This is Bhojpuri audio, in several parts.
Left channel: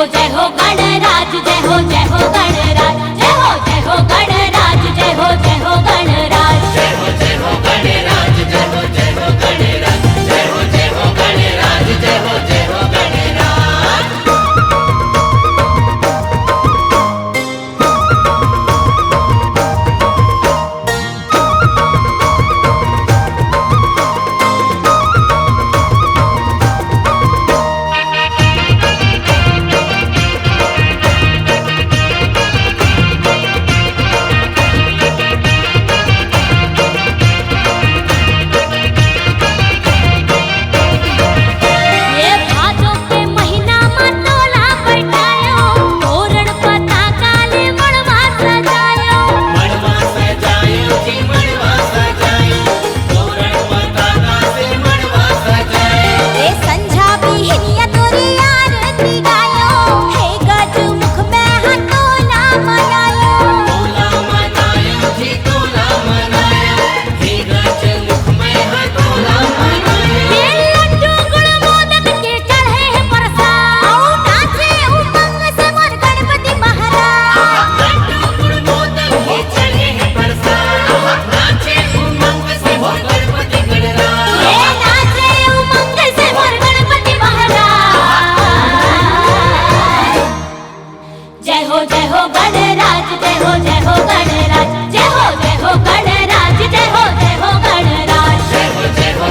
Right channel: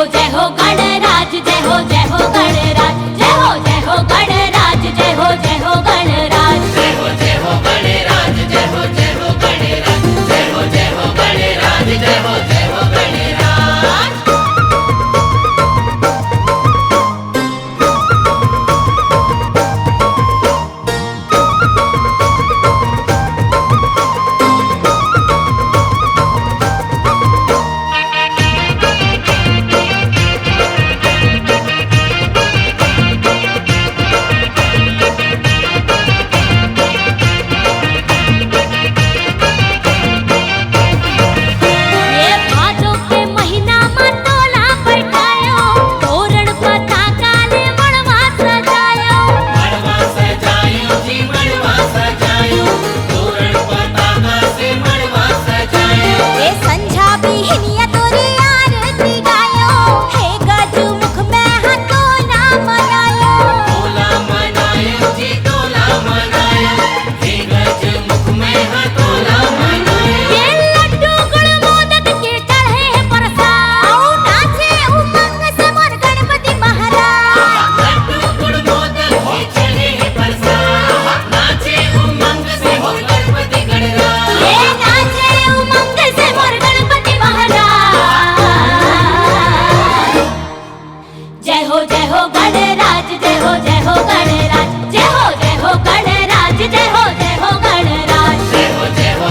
हो गणराज, जय हो गणराज, जय हो गणराज, जय हो गणराज, जय हो गणराज, जय हो गणराज, जय हो गणराज, जय हो गणराज, जय हो गणराज। जय हो गणराज, जय हो गणराज, जय हो गणराज, जय हो गणराज, जय हो गणराज, जय हो गणराज, जय हो गणराज, जय हो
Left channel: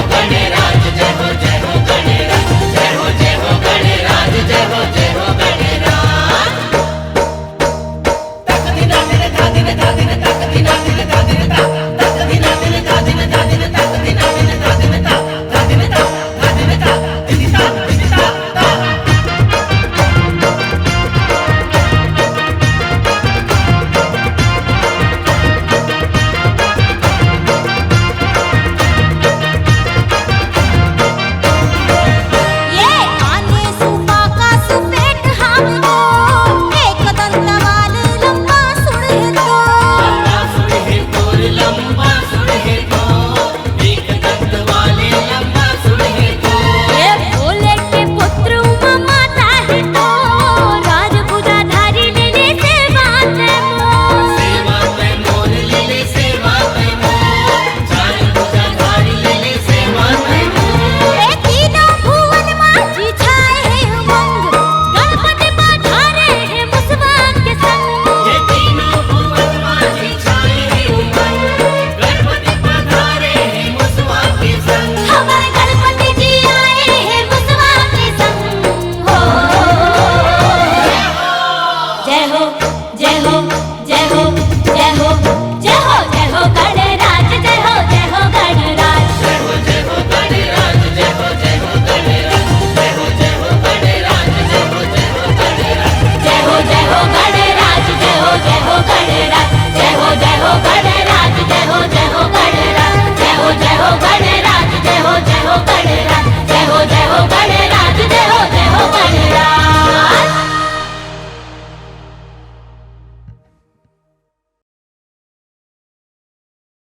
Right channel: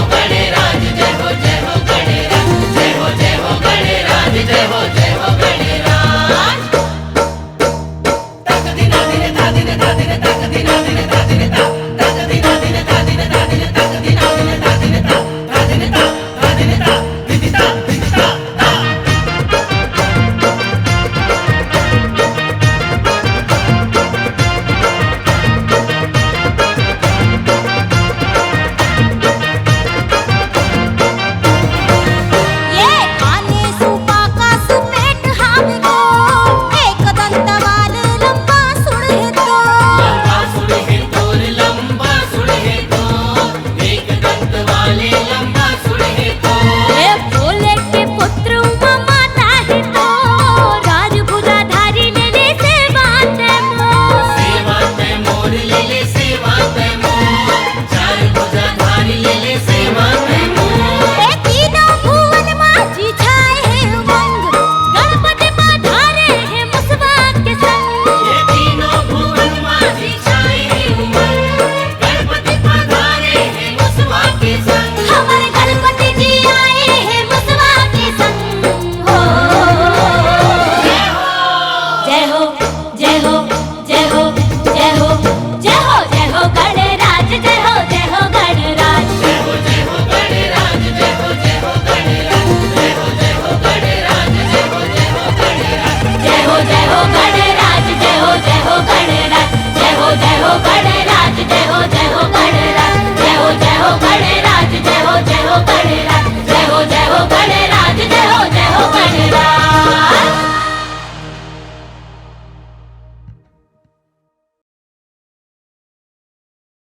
गणराज, जय हो गणराज। जय हो जय हो जय हो जय हो जय हो जय हो गणराज, जय हो गणराज, जय हो गणराज, जय हो गणराज, जय हो गणराज, जय हो गणराज, जय हो गणराज, जय हो गणराज, जय हो गणराज, जय हो गणराज, जय हो गणराज, जय हो गणराज, जय हो गणराज, जय हो गणराज, जय हो गणराज।